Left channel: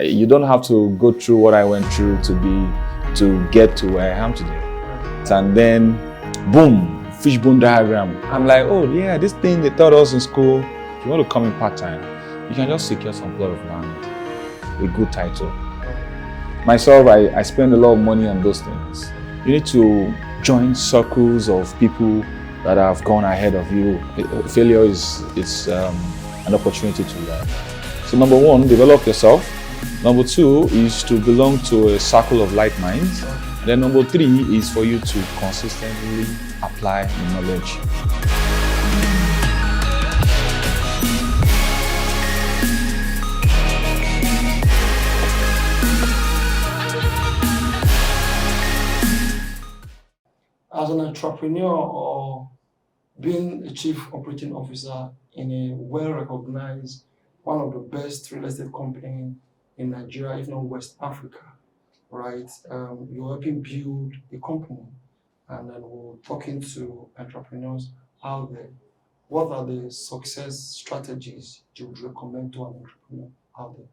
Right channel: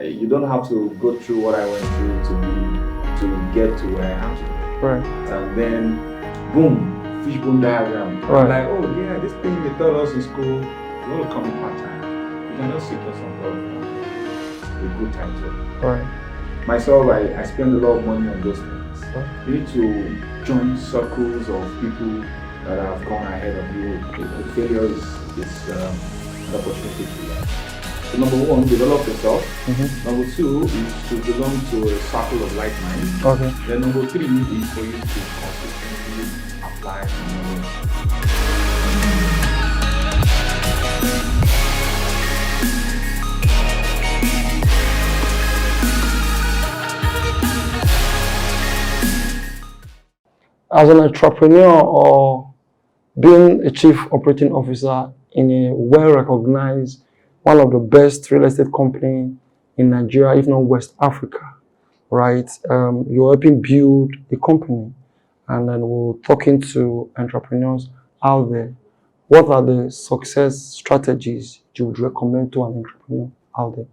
You don't have to go through what I went through to get to where I am today. Right. And then, boom, fishbone diagram. Right. I'm like, oh yeah, this thing they taught us in school. If you want to come in part-time, you can just secure some plot of land with good title. Right. Myself, I spend a lot of money on those things. Right. You need to join circles of people that have gone ahead of you. Failure is an opportunity to learn. So number one, develop yourself. Number two is to belong to a circle of like minds. Okay. Then number three is for you to consistently apply the knowledge. As an entrepreneur or being a chief operating officer in a well-recognized, one of the best real estate company in Nigeria, if not West Africa, right? You're helping build a company, and then we're talking to entrepreneurs out there. What are the success strategies you would recommend to an entrepreneur out there?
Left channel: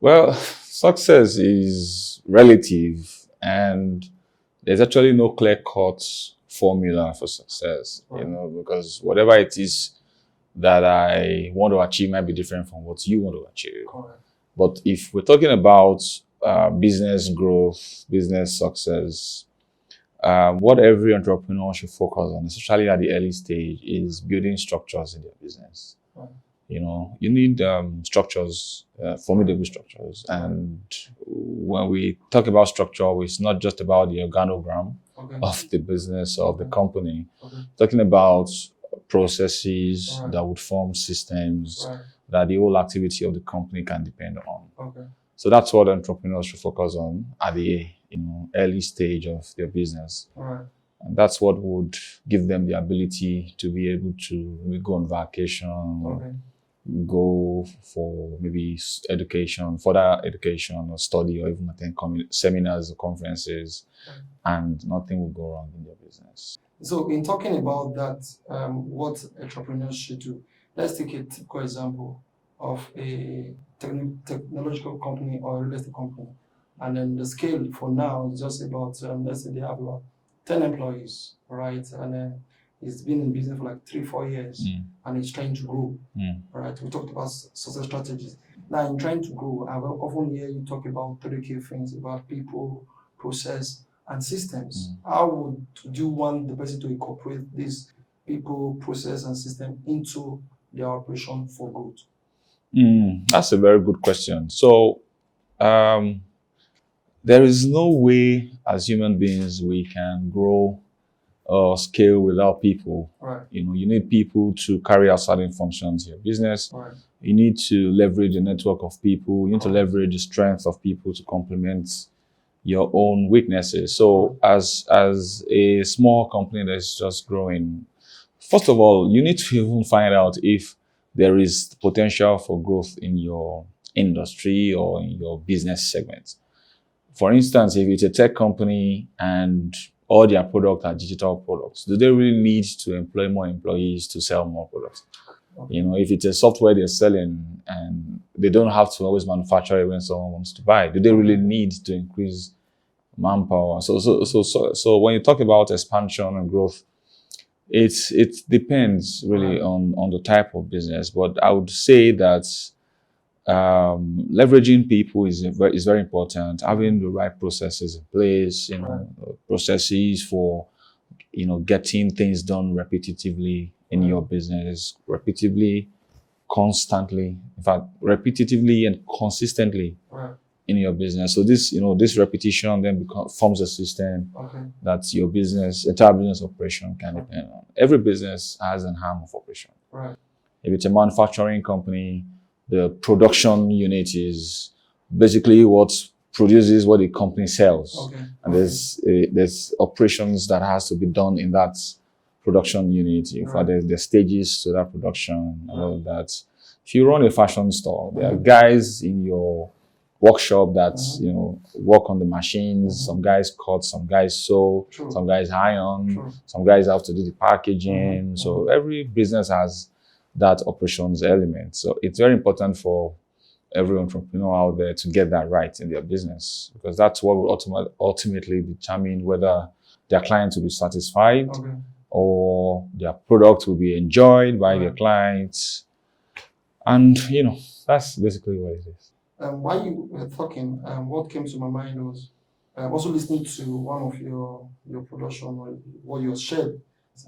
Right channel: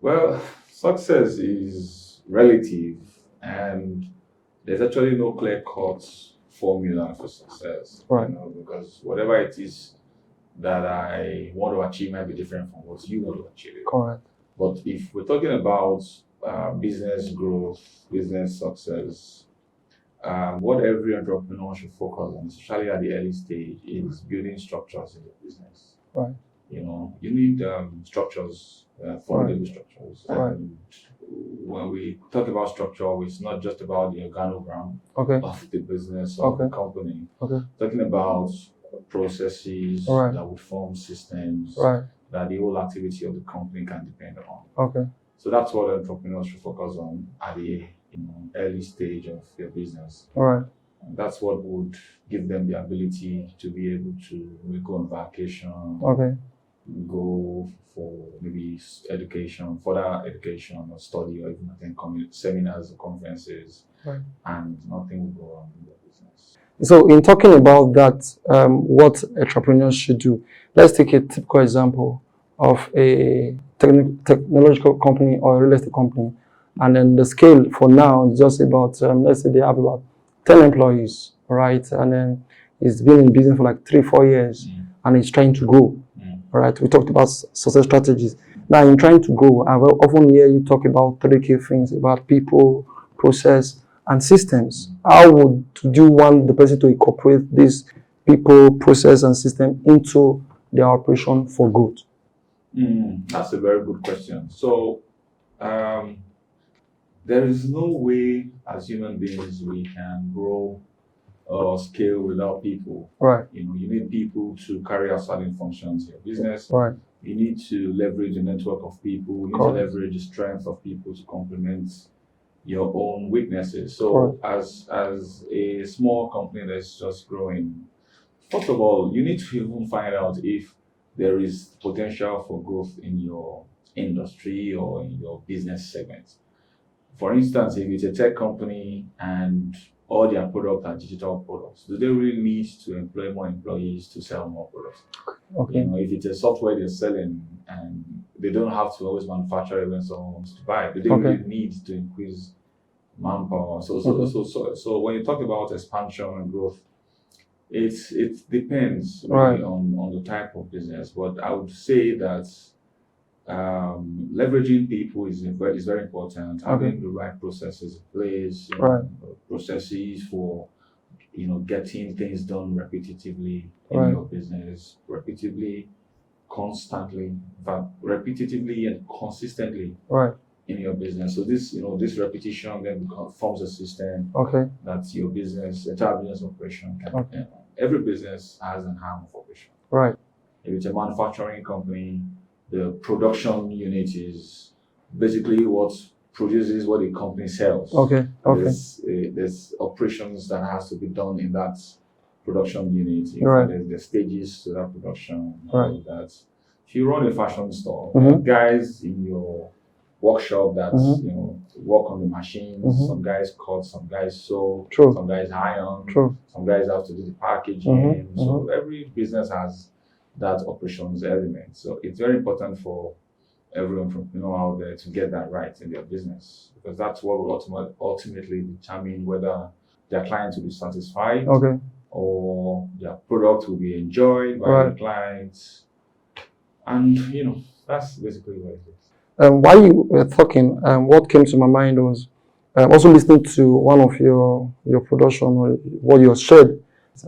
Well, success is relative, and there's actually no clear-cut formula for success, Right. because whatever it is that I want to achieve might be different from what you want to achieve. Correct. But if we're talking about business growth, business success, what every entrepreneur should focus on, especially at the early stage, is building structures in their business. Right. You need structures, formidable structures. Right. And when we talk about structure, it's not just about the organogram Okay. of the business or Okay. the company. Okay. Talking about processes Right. that would form systems Right. that the whole activity of the company can depend on. Okay. So that's what entrepreneurs should focus on at the early stage of their business. All right. And that's what would give them the ability to be able to maybe go on vacation, Okay. go for maybe education, further education or study, or even attend seminars or conferences, Right. and nothing will go wrong in their business. So in talking about that, what entrepreneurs should do, let's take a typical example of a technological company or a real estate company. And then the scale for now is just about, let's say they have about 10 employees, right? And then it's been in business for like 3-4 years and it's trying to grow, right? We talked about success strategies. Now in trying to grow, I will often hear you talk about 3 key things about people, process, and systems. How would you want the person to incorporate these people, process, and system into their operation for growth? That's a very good question. So there is no way as human beings we can grow or scale without people. Right. You need people to carry out certain functions in your business. Right. You need to leverage a network of people. You need Correct. to leverage the strength of people to complement your own weaknesses. So as a small company that's just growing, first of all, you need to even find out if there is potential for growth in your industry or in your business segment. For instance, if it's a tech company and all their products are digital products, do they really need to employ more employees to sell more products? Okay. If it's a software they're selling and they don't have to always manufacture it when someone wants to buy, do they really need to increase manpower? So when you talk about expansion and growth, it depends really on the type of business. But I would say that leveraging people is very important. Having the right processes in place, processes for getting things done repetitively in your business, constantly, in fact, repetitively and consistently in your business. So this repetition then forms a system that your entire business operation can depend on. Every business has an arm of operation. Right. If it's a manufacturing company, the production unit is basically what produces what the company sells. Okay. There's operations that has to be done in that production unit. In fact, there's stages to that production. All that. If you run a fashion store, there are guys in your workshop that work on the machines. Some guys cut, some guys sew, some guys iron, some guys have to do the packaging. So every business has that operations element. So it's very important for every entrepreneur out there to get that right in their business, because that's what will ultimately determine whether their clients will be satisfied Okay. or their product will be enjoyed by Right. their clients. And, that's basically what it is. While you were talking, what came to my mind was also listening to one of your production or what you shared.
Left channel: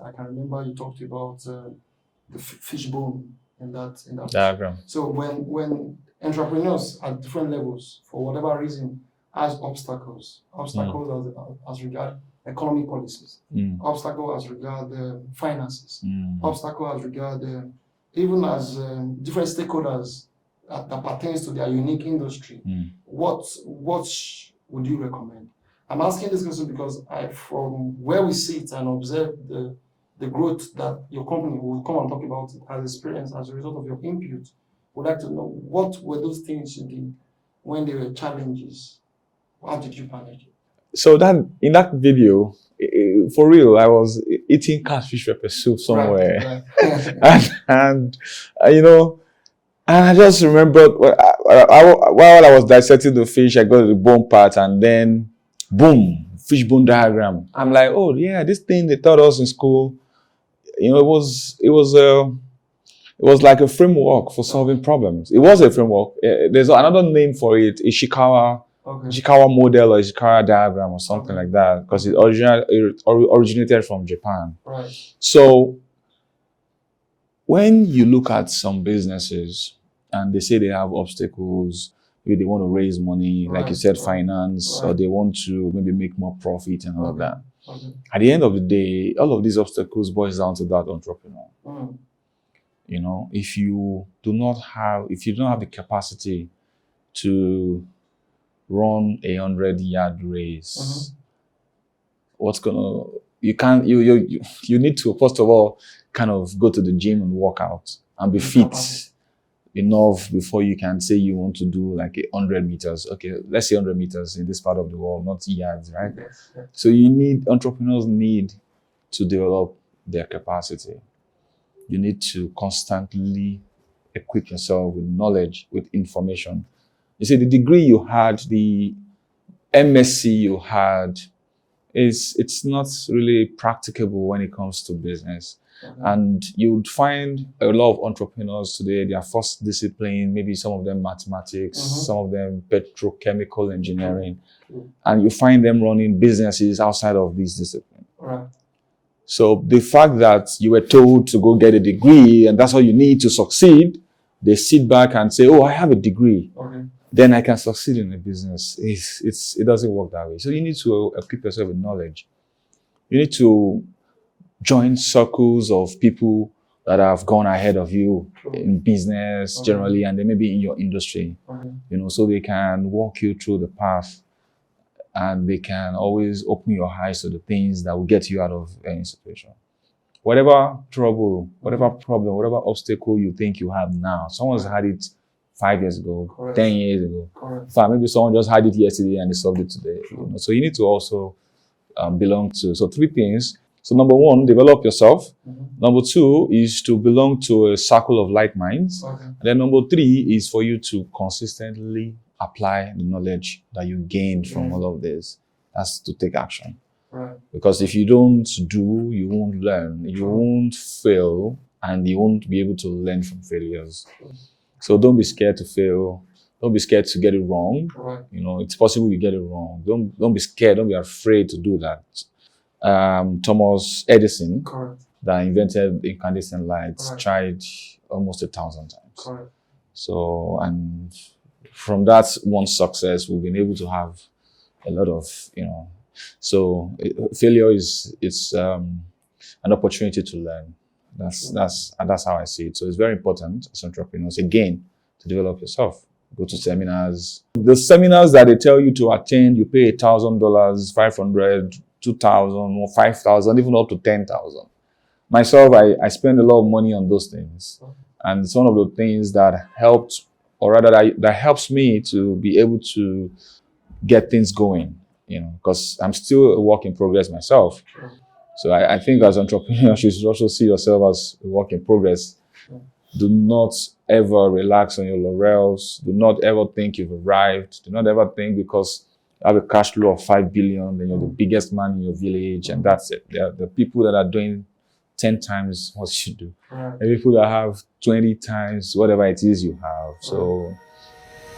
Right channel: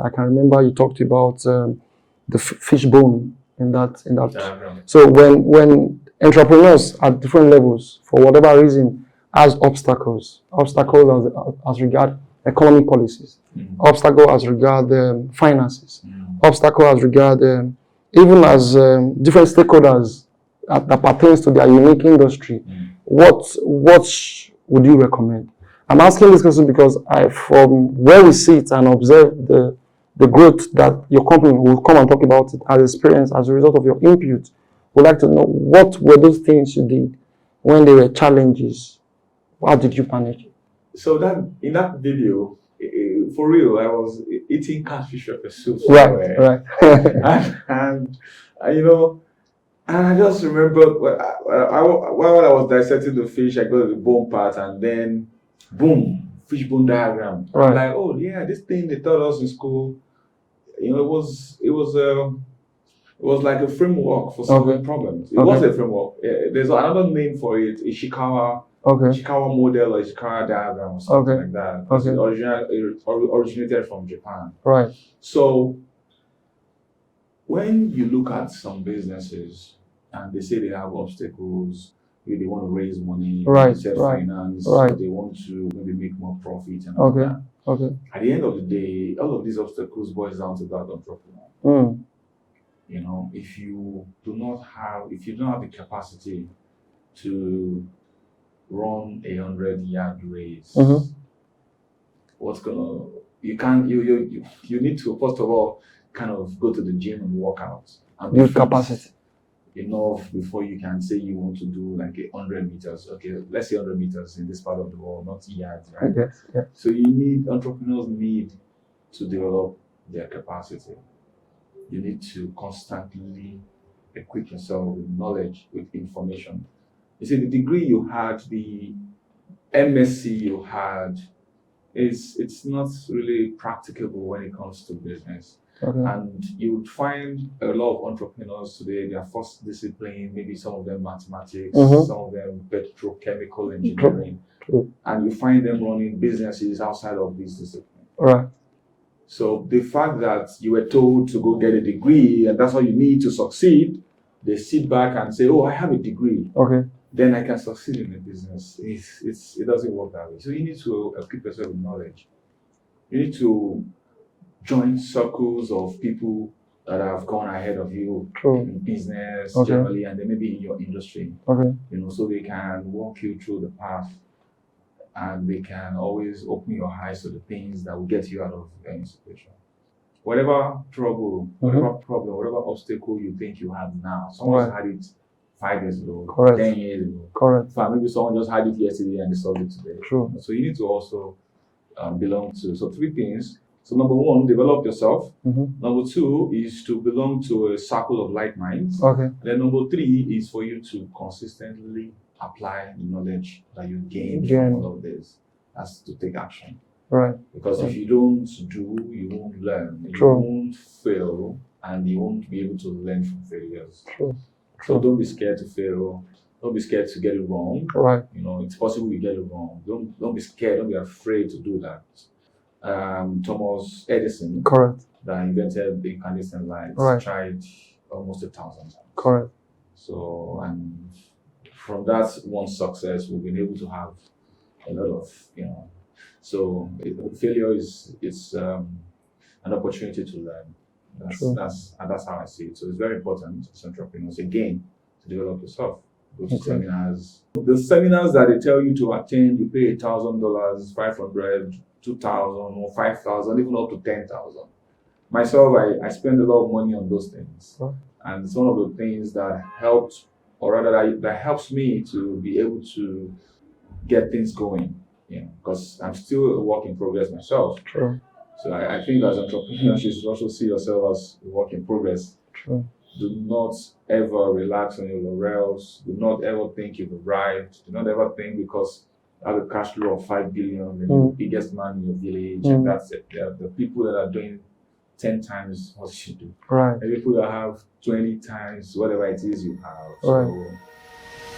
I can remember you talked about the fishbone in that Diagram. So when entrepreneurs at different levels, for whatever reason, has obstacles as regard economic policies, obstacle as regard finances, obstacle as regard even as different stakeholders that pertains to their unique industry, what would you recommend? I'm asking this question because from where we sit and observe the growth that your company will come and talk about it as experience as a result of your input, would like to know what were those things you did when there were challenges? How did you manage it? So that in that video, for real, I was eating catfish pepper soup somewhere, right. and I just remembered while I was dissecting the fish, I got the bone part, and then boom, fishbone diagram. Right. I'm like, oh yeah, this thing they taught us in school. It was like a framework for solving problems. It was a framework. There's another name for it, Ishikawa model or Ishikawa diagram or something like that, because it originated from Japan. Right. So when you look at some businesses and they say they have obstacles, maybe they want to raise money, like you said, finance, or they want to maybe make more profit and all that. At the end of the day, all of these obstacles boils down to that entrepreneur. If you don't have the capacity to run 100-yard race, you need to first of all kind of go to the gym and work out and be fit enough before you can say you want to do like 100 meters. Okay, let's say 100 meters in this part of the world, not yards, right? So entrepreneurs need to develop their capacity. You need to constantly equip yourself with knowledge, with information. You see, the degree you had, the MSc you had, it's not really practicable when it comes to business. And you would find a lot of entrepreneurs today, their first discipline, maybe some of them mathematics, some of them petrochemical engineering, and you find them running businesses outside of these disciplines. Right. So the fact that you were told to go get a degree and that's all you need to succeed, they sit back and say, oh, I have a degree. Then I can succeed in the business. It doesn't work that way. So you need to equip yourself with knowledge. You need to join circles of people that have gone ahead of you in business generally, and they may be in your industry. So they can walk you through the path, and they can always open your eyes to the things that will get you out of any situation. Whatever trouble, whatever problem, whatever obstacle you think you have now, someone's had it 5 years ago, 10 years ago. In fact, maybe someone just had it yesterday and they solved it today. So you need to also belong to. So 3 things. So number 1, develop yourself. Number 2 is to belong to a circle of like minds. And then number 3 is for you to consistently apply the knowledge that you gained from all of this. That's to take action. Because if you don't do, you won't learn. You won't fail, and you won't be able to learn from failures. So don't be scared to fail. Don't be scared to get it wrong. It's possible you get it wrong. Don't be scared. Don't be afraid to do that. Thomas Edison, that invented incandescent lights, tried almost 1,000 times. So, and from that one success, we've been able to have a lot of, so failure is an opportunity to learn. That's how I see it. So it's very important as entrepreneurs, again, to develop yourself. Go to seminars. The seminars that they tell you to attend, you pay $1,000, $500, $2,000, or $5,000, even up to $10,000. Myself, I spend a lot of money on those things, and it's one of the things that helped, or rather that helps me to be able to get things going. Because I'm still a work in progress myself. So I think as entrepreneurs, you should also see yourself as a work in progress. Do not ever relax on your laurels. Do not ever think you've arrived. Do not ever think because you have a cash flow of 5 billion, then you're the biggest man in your village, and that's it. There are the people that are doing 10 times what you do. Right. And people that have 20 times whatever it is you have. So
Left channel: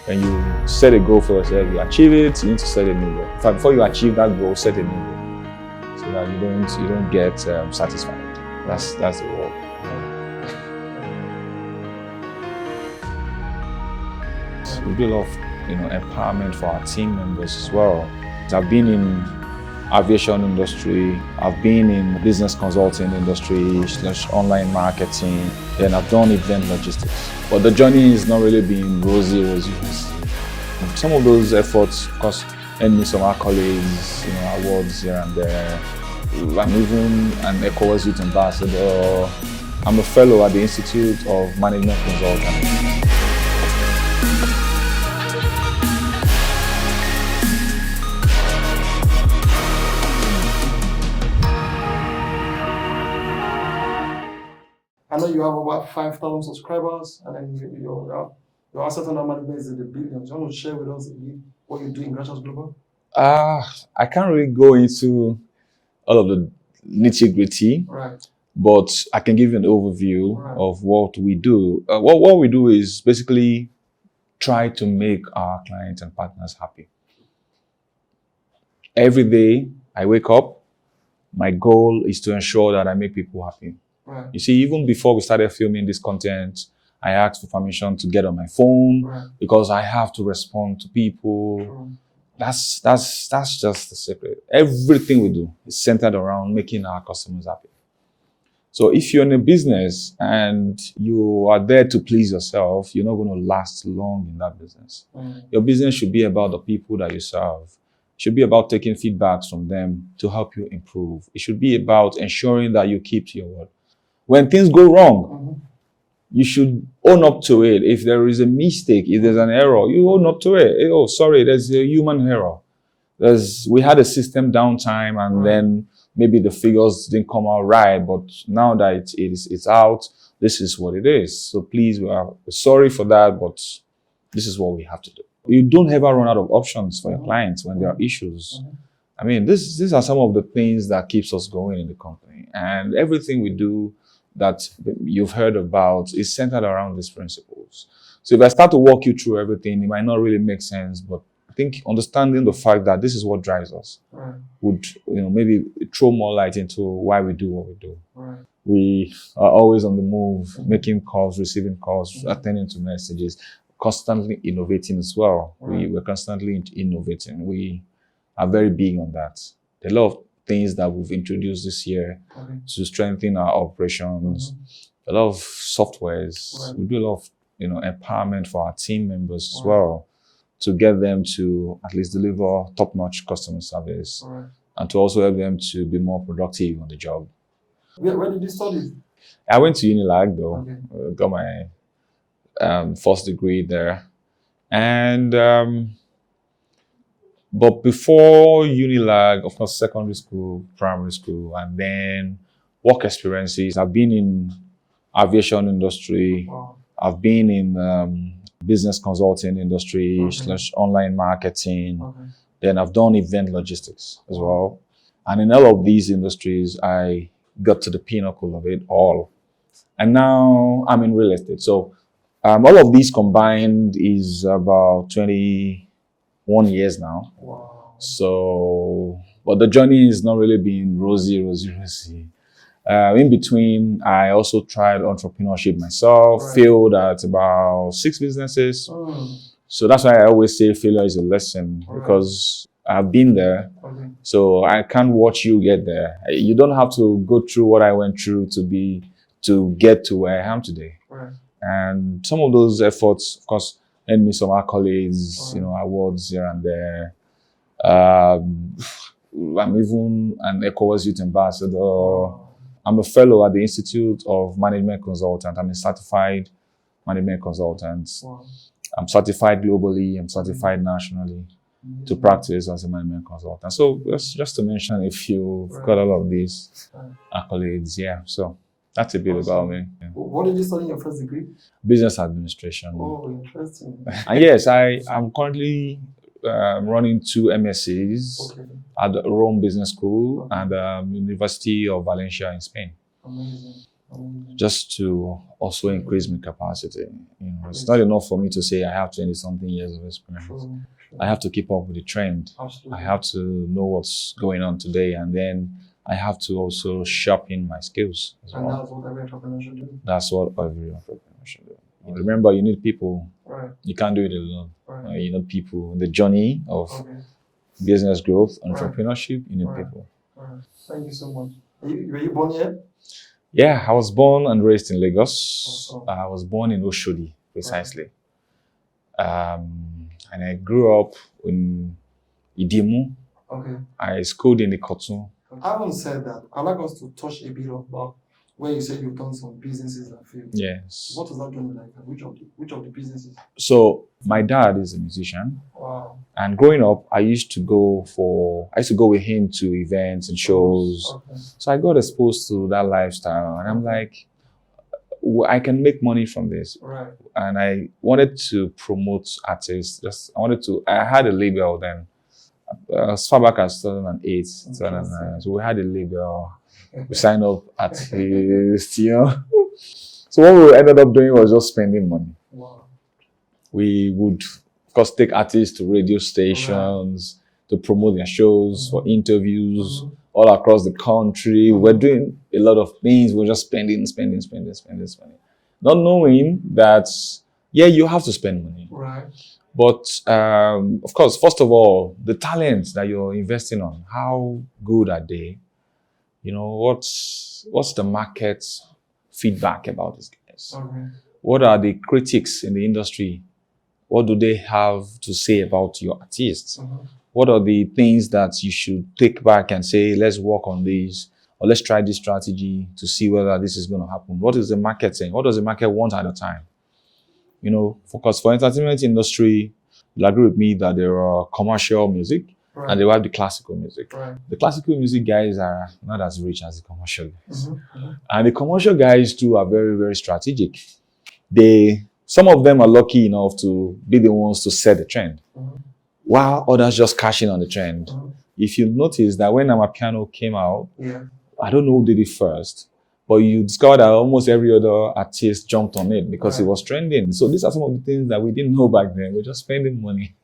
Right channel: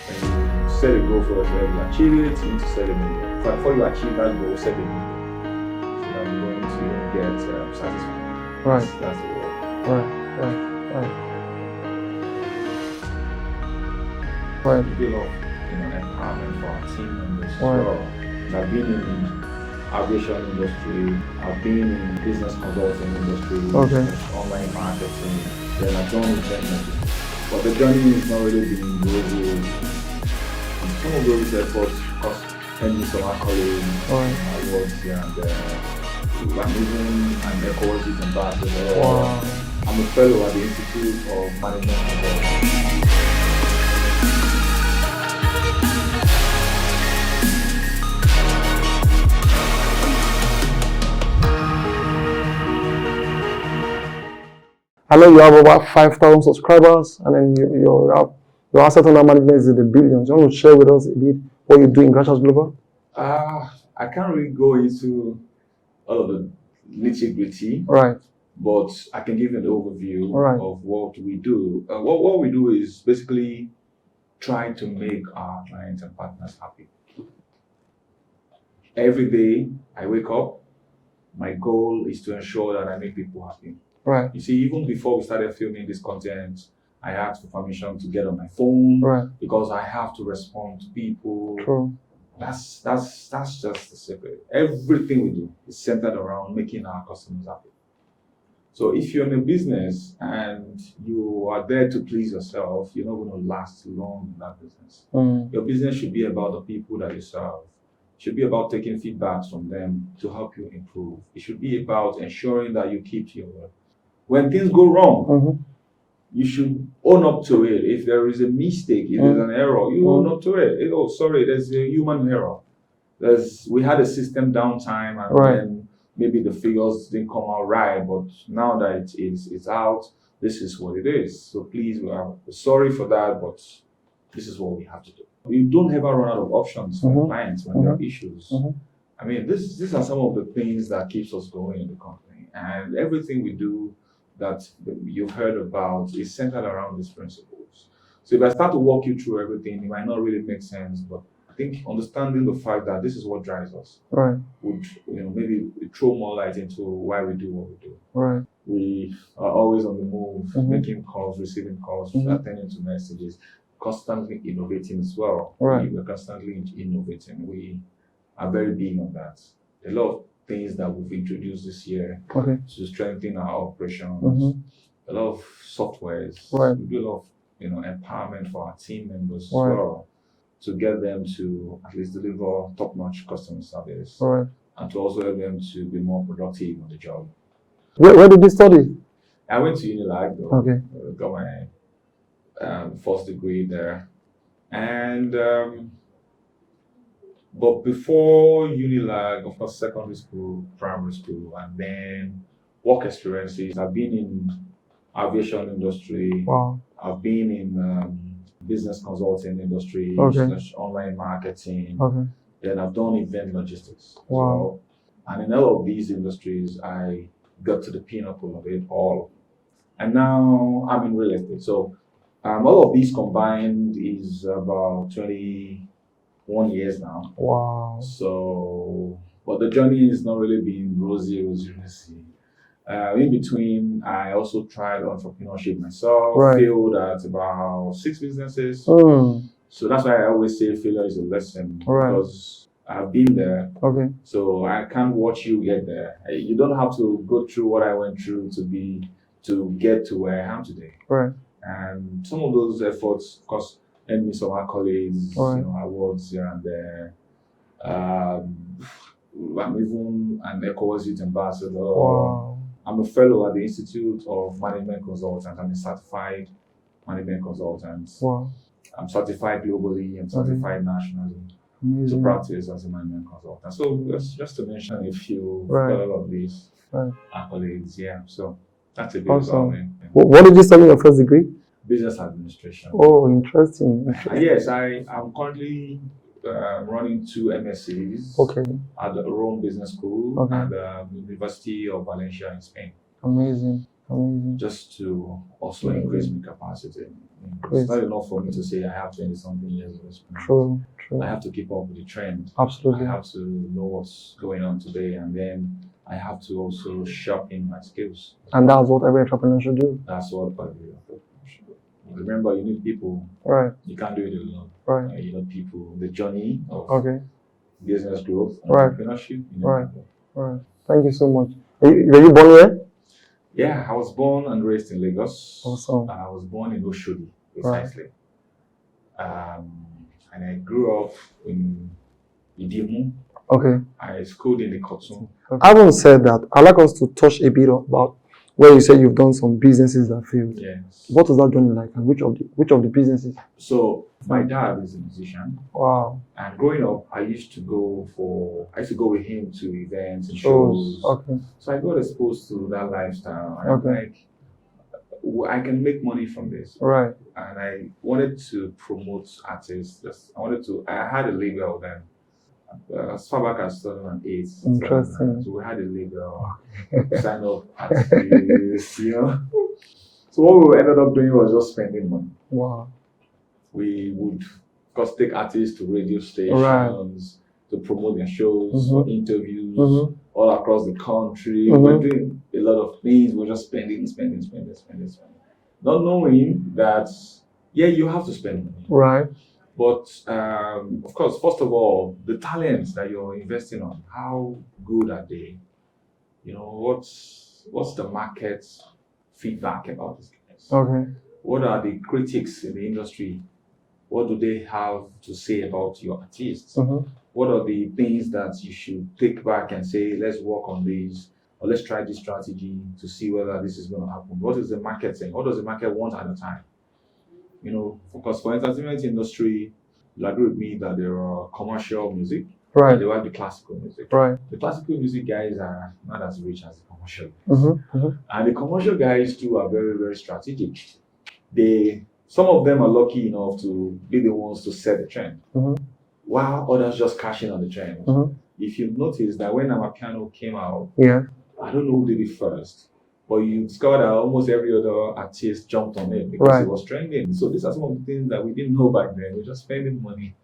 when you set a goal for yourself, you achieve it, you need to set a new goal. In fact, before you achieve that goal, set a new goal. So that you don't get satisfied. Right. That's the word. Right. So we do a lot of empowerment for our team members as well. I've been in aviation industry, I've been in business consulting industry, online marketing, then I've done event logistics. But the journey is not really been rosy. Some of those efforts cost me some accolades, awards here and there. I'm even an ECOWAS Youth Ambassador. I'm a fellow at the Institute of Management Consultants. I know you have about 5,000 subscribers, and then your asset under management is in the billions. You want to share with us a bit what you do in Grasshouse Global? I can't really go into all of the nitty-gritty, but I can give you an overview of what we do. What we do is basically try to make our clients and partners happy. Every day I wake up, my goal is to ensure that I make people happy. Right. You see, even before we started filming this content, I asked for permission to get on my phone because I have to respond to people. True. That's just the secret. Everything we do is centered around making our customers happy. So if you're in a business and you are there to please yourself, you're not going to last long in that business. Your business should be about the people that you serve. It should be about taking feedbacks from them to help you improve. It should be about ensuring that you keep to your word. When things go wrong, you should own up to it. If there is a mistake, if there's an error, you own up to it. Oh, sorry, there's a human error. We had a system downtime, and then maybe the figures didn't come out right, but now that it's out, this is what it is. So please, we are sorry for that, but this is what we have to do. You don't ever run out of options for your clients when there are issues. I mean, these are some of the things that keeps us going in the company, and everything we do that you've heard about is centered around these principles. So if I start to walk you through everything, it might not really make sense, but I think understanding the fact that this is what drives us would maybe throw more light into why we do what we do. We are always on the move, making calls, receiving calls, attending to messages, constantly innovating as well. We're constantly innovating. We are very big on that. A lot of things that we've introduced this year to strengthen our operations, a lot of softwares. We do a lot of empowerment for our team members as well, to get them to at least deliver top-notch customer service and to also help them to be more productive on the job. Where did you study? I went to Unilag though. Got my first degree there, and but before Unilag, of course, secondary school, primary school, and then work experiences. I've been in aviation industry. I've been in business consulting industry, online marketing. Then I've done event logistics as well. And in all of these industries, I got to the pinnacle of it all. And now I'm in real estate. So all of these combined is about 21 years now. So, but the journey has not really been rosy. In between, I also tried entrepreneurship myself, failed at about 6 businesses. So that's why I always say failure is a lesson, because I've been there. So I can't watch you get there. You don't have to go through what I went through to get to where I am today. And some of those efforts, of course, earned me some accolades, awards here and there. I'm even an ECOWAS Youth Ambassador. I'm a fellow at the Institute of Management Consultants. I'm a certified management consultant. I'm certified globally. I'm certified nationally to practice as a management consultant. So that's just to mention a few. Got all of these accolades. Yeah. So That's a bit about Awesome. me. Yeah. What did you study in your first degree? Business administration. Oh, interesting. And yes, I'm currently running 2 MScs Okay, at the Rome Business School Okay. and University of Valencia in Spain, amazing, amazing. just to also increase my capacity. It's Great. not enough for me to say I have 20-something years of experience. True, true. I have to keep up with the trend. I Absolutely. have to know what's going on today, and then I have to also sharpen my skills. as And well. that's what every entrepreneur should do. That's what every entrepreneur should do. Remember, you need people. Right, You can't do it alone. right. You need people. The journey of Okay, business growth, Right. entrepreneurship, you need Right. people. right. Thank you so much. Were you born here? Yeah, I was born and raised in Lagos. Awesome. I was born in Oshodi, precisely. And I grew up in Idimu. Okay. I schooled in Ikotun. Having said that, I'd like us to touch a bit about where you said you've done some businesses that failed. Yes. What was that journey like, and which of the businesses? So my dad is a musician, Wow. and growing up, I used to go with him to events and shows. Oh, okay. So I got exposed to that lifestyle, and I'm Okay. like, I can make money from this. Right. And I wanted to promote artists. I had a label then, as far back as 2008. Interesting. So we had a label, sign up artists, So what we ended up doing was just spending money. Wow. We would, of course, take artists to radio stations to promote their shows, for interviews all across the country. We're doing a lot of things. We're just spending. Not knowing that, you have to spend money. Right. But of course, first of all, the talents that you're investing on, how good are they? What's the market feedback about these guys? Okay. What are the critics in the industry? What do they have to say about your artists? What are the things that you should take back and say, let's work on this, or let's try this strategy to see whether this is going to happen? What is the market saying? What does the market want at a time? Because for entertainment industry, you'll agree with me that there are commercial music Right. and they have the classical music. Right. The classical music guys are not as rich as the commercial guys. And the commercial guys too are very, very strategic. Some of them are lucky enough to be the ones to set the trend, while others just cash in on the trend. If you notice that when Amapiano came out, Yeah. I don't know who did it first, but you discover that almost every other artist jumped on it because it was trending. So these are some of the things that we didn't know back then. We're just spending money.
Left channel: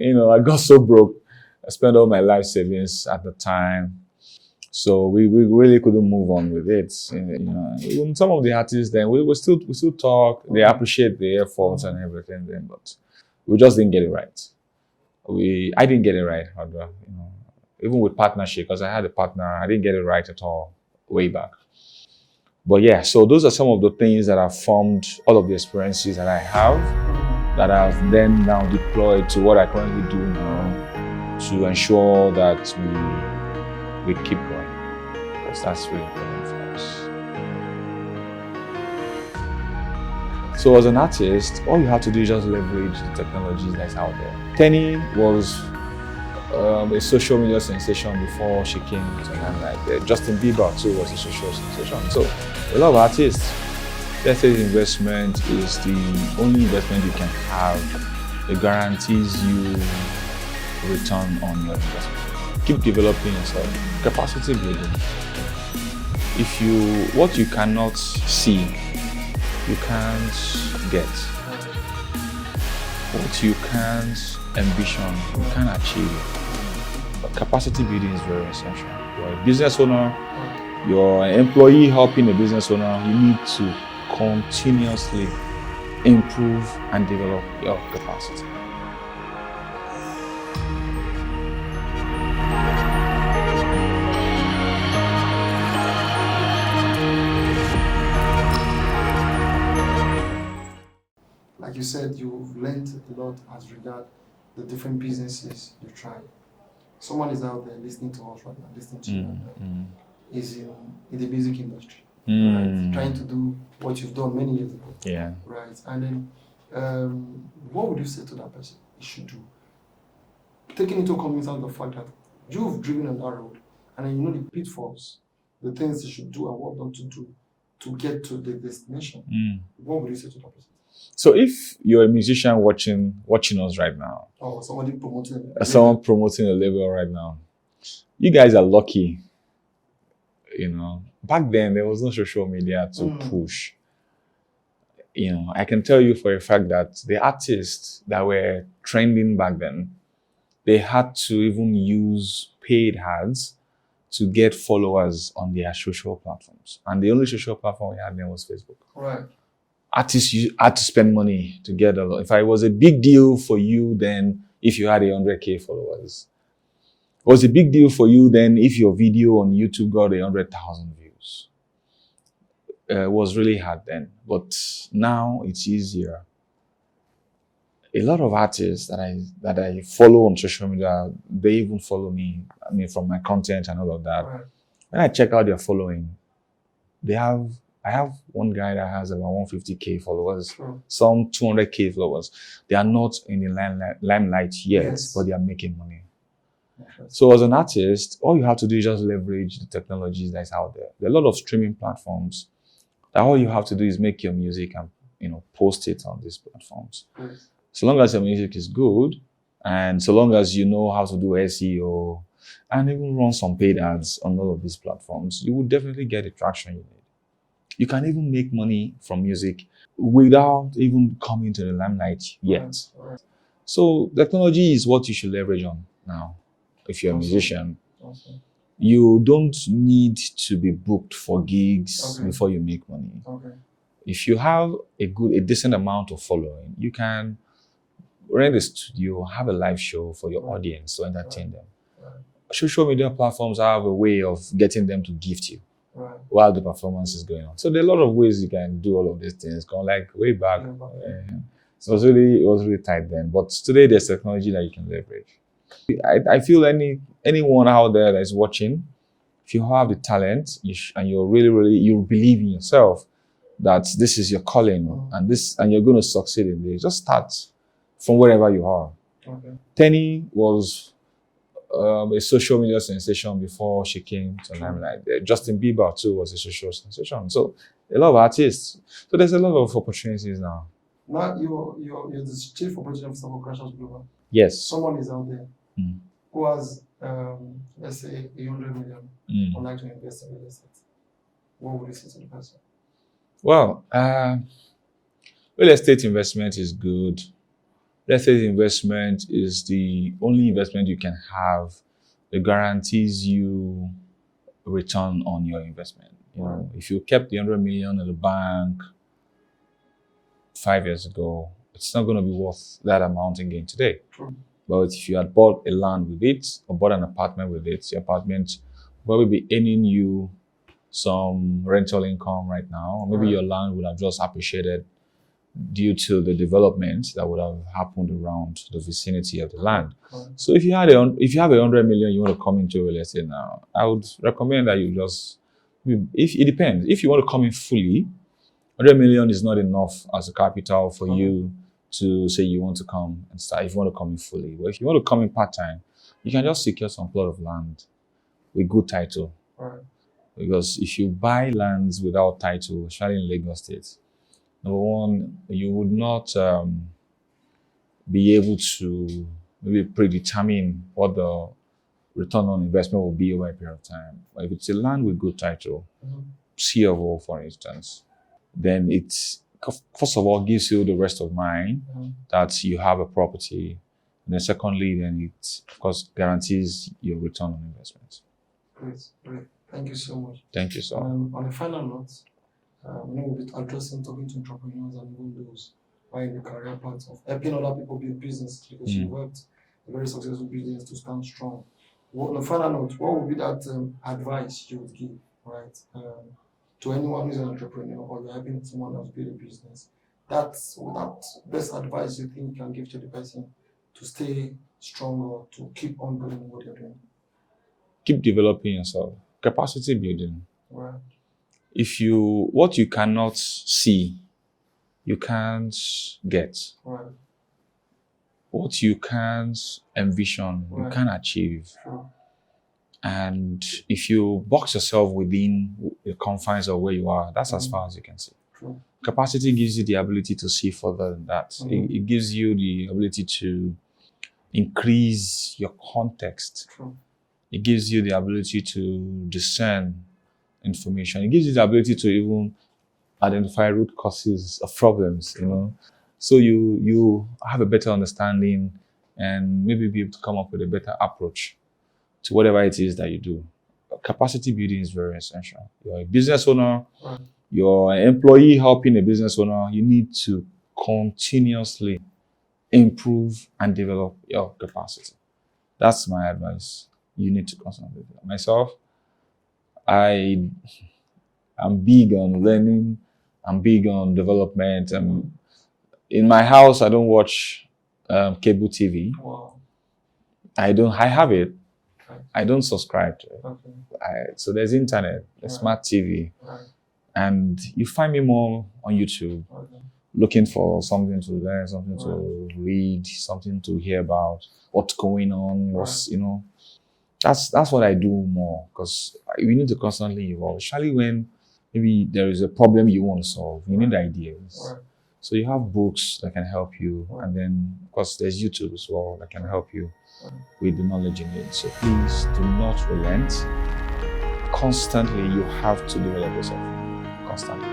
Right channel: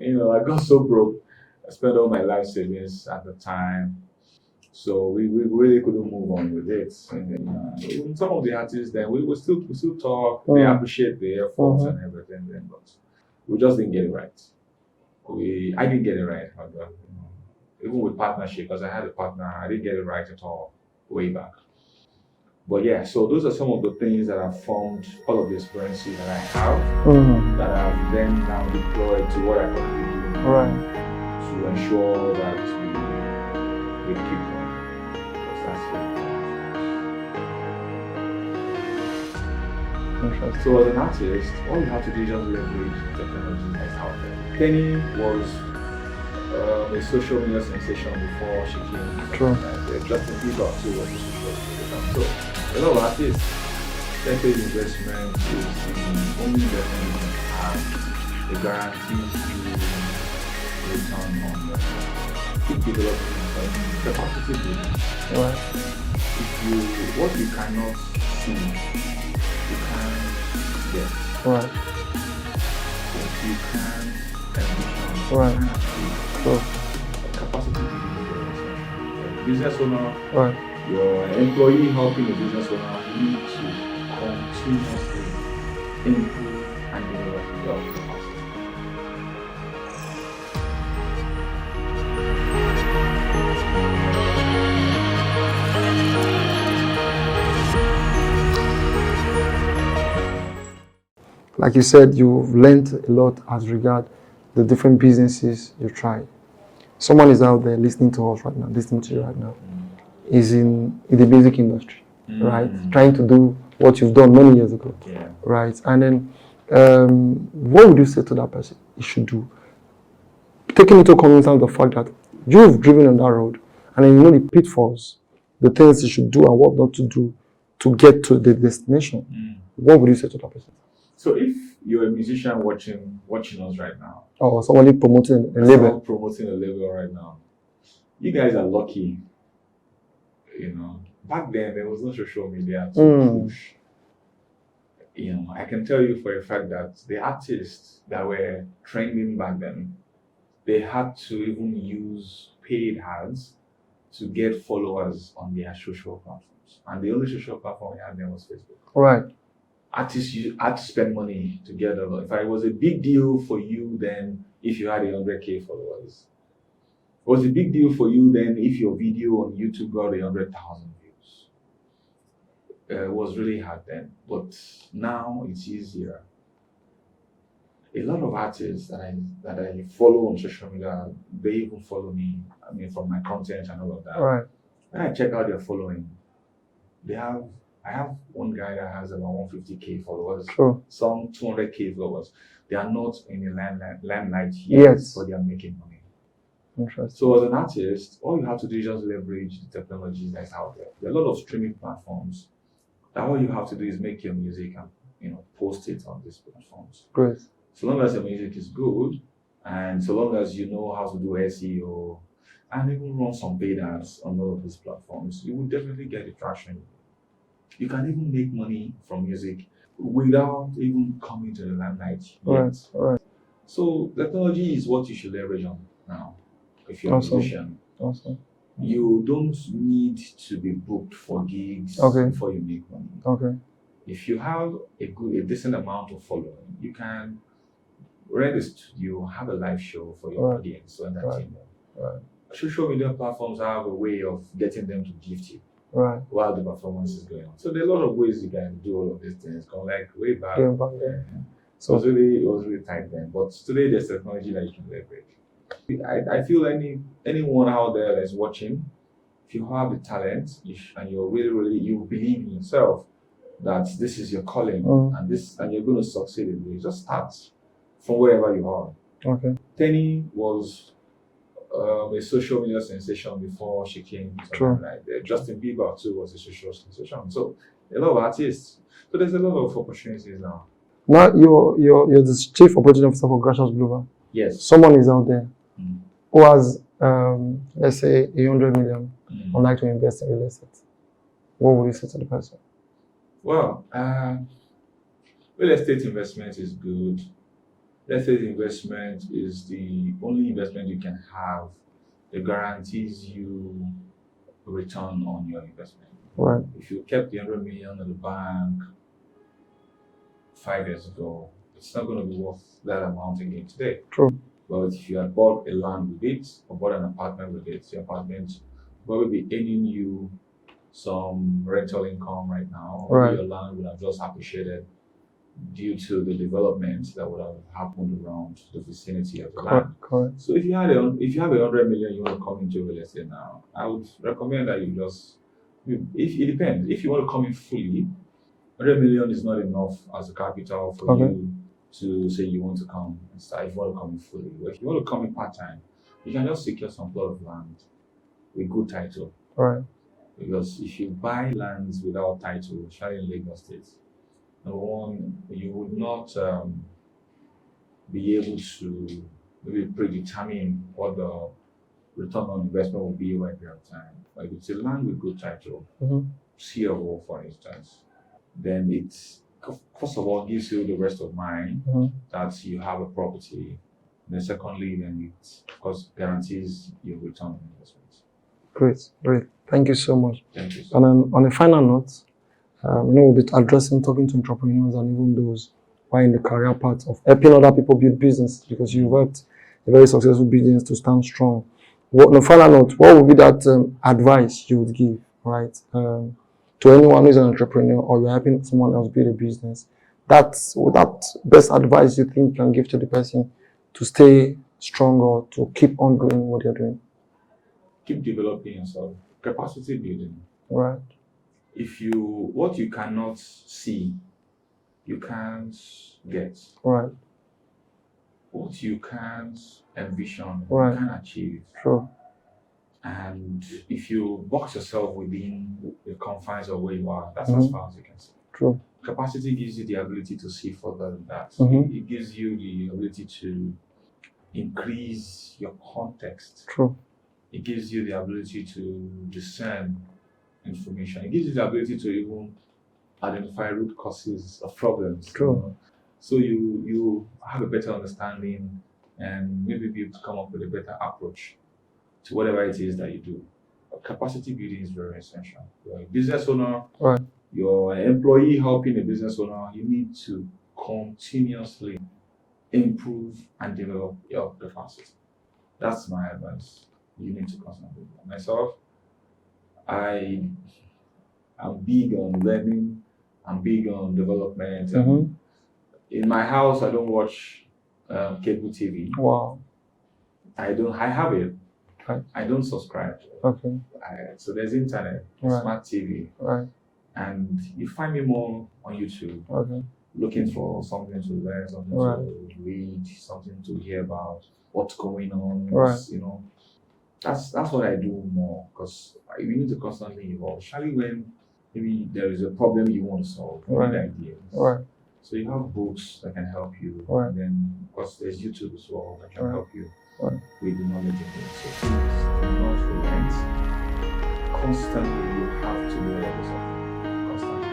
I got so broke. I spent all my life savings at the time. So we really couldn't move on with it. Even some of the artists then, we still talk. They appreciate the efforts and everything then, but we just didn't get it right. I didn't get it right, even with partnership, because I had a partner, I didn't get it right at all way back. But so those are some of the things that have formed all of the experiences that I have that I've then now deployed to what I currently do now to ensure that we keep going, because that's really important for us. So as an artist, all you have to do is just leverage the technology that's out there. Tenny was a social media sensation before she came to life. Justin Bieber too was a social sensation. So a lot of artists, let's say investment is the only investment you can have. It guarantees you return on your investment. Keep developing yourself. Capacity building. What you cannot see, you can't get. What you can't ambition, you can't achieve. Capacity building is very essential. You're a business owner, you're an employee helping a business owner, you need to continuously improve and develop your capacity. Like you said, you've learned a lot as regard the different businesses you tried. Someone is out there listening to us right now, listening to you right now, is in the music industry, right? Trying to do what you've done many years ago, right? And then, what would you say to that person he should do? Taking into cognizance the fact that you've driven on that road, and then you know the pitfalls, the things you should do and what not to do to get to the destination. What would you say to that person? So if you're a musician watching us right now, or somebody promoting a someone label, promoting a label right now, you guys are lucky. You know, back then there was no social media to push. You know, I can tell you for a fact that the artists that were trending back then, they had to even use paid ads to get followers on their social platforms. And the only social platform we had then was Facebook. right? Artists had to spend money to get a lot. If it was a big deal for you then, if you had 100K followers, it was a big deal for you then if your video on YouTube got 100,000 views. It was really hard then, but now it's easier. A lot of artists that I follow on social media, they even follow me. I mean, from my content and all of that. Right. When I check out their following, I have one guy that has about 150K followers, True. some 200K followers. They are not in the limelight yet, but they are making money. So as an artist, all you have to do is just leverage the technologies that's out there. There are a lot of streaming platforms that all you have to do is make your music and post it on these platforms. Great. So long as your music is good, and so long as you know how to do SEO and even run some paid ads on all of these platforms, you will definitely get the traction you need. You can even make money from music without even coming to the limelight yet. Right. So technology is what you should leverage on now. If you're a musician, you don't need to be booked for gigs before you make money. Okay. If you have a decent amount of following, you can rent a studio, have a live show for your audience to entertain them. Right. Social media platforms have a way of getting them to gift you while the performance is going on. So there are a lot of ways you can do all of these things. Going like way back. So it was really tight then. But today there's technology that you can leverage. I feel anyone out there that's watching, if you have the talent and you're really you believe in yourself that this is your calling and you're going to succeed in this, just start from wherever you are. Okay. Penny was a social media sensation before she came to limelight. Justin Bieber too was a social sensation. So a lot of artists. So there's a lot of opportunities now. Now you're the chief operating officer for Gracious Global. Yes. Someone is out there who has let's say 100 million would like to invest in real estate. What would you say to the person? Well, real estate investment is good. Real estate investment is the only investment you can have that guarantees you a return on your investment. Right. If you kept the 100 million in the bank 5 years ago, it's not going to be worth that amount again today. True. But if you had bought a land with it or bought an apartment with it, your apartment will probably be earning you some rental income right now. Maybe your land would have just appreciated due to the development that would have happened around the vicinity of the land. Correct. So if you have 100 million, you want to come into real estate now, I would recommend that you just, if it depends. If you want to come in fully, 100 million is not enough as a capital for you to say you want to come and start. If you want to come in fully, but if you want to come in part-time, you can just secure some plot of land with good title. Right. Because if you buy lands without title, especially in Lagos State, number one, you would not be able to maybe predetermine what the return on investment will be over a period of time. But if it's a land with good title, C of O, for instance, then it's first of all gives you the rest of mind that you have a property. And then secondly, then it of course guarantees your return on investment. Great. Thank you so much. Thank you so much. And on a final note, we'll be talking to entrepreneurs and even those who are in the career path of helping other people build business, because you've worked a very successful business to stand strong. On a final note, what would be that advice you would give, right, to anyone who's an entrepreneur or you're helping someone else build a business? That's that best advice you think you can give to the person to stay strong or to keep on doing what you're doing? Keep developing yourself. Capacity building. Right. What you cannot see, you can't get. Right. What you can't envision, you can't achieve. Sure. And if you box yourself within the confines of where you are, that's as far as you can see. True. Capacity gives you the ability to see further than that. It gives you the ability to increase your context. True. It gives you the ability to discern information. It gives you the ability to even identify root causes of problems. True. You know? So you have a better understanding and maybe be able to come up with a better approach to whatever it is that you do. Capacity building is very essential. You're a business owner, Right. you're an employee helping a business owner, you need to continuously improve and develop your capacity. That's my advice. You need to constantly develop. Myself, I'm big on learning, I'm big on development. In my house, I don't watch cable TV. Wow. I have it. Right. I don't subscribe to it. Okay. So there's internet, there's Right. smart TV, Right. and you find me more on YouTube, Okay. looking for something to learn, something Right. to read, something to hear about, what's going on. Right. You know, that's what I do more, because we need to constantly evolve, especially when maybe there is a problem you want to solve. You need Right. ideas. Right. So you have books that can help you, Right. and then of course there's YouTube as well that can Right. help you Right. with the knowledge you need. So please do not relent. Constantly, you have to develop yourself. Constantly.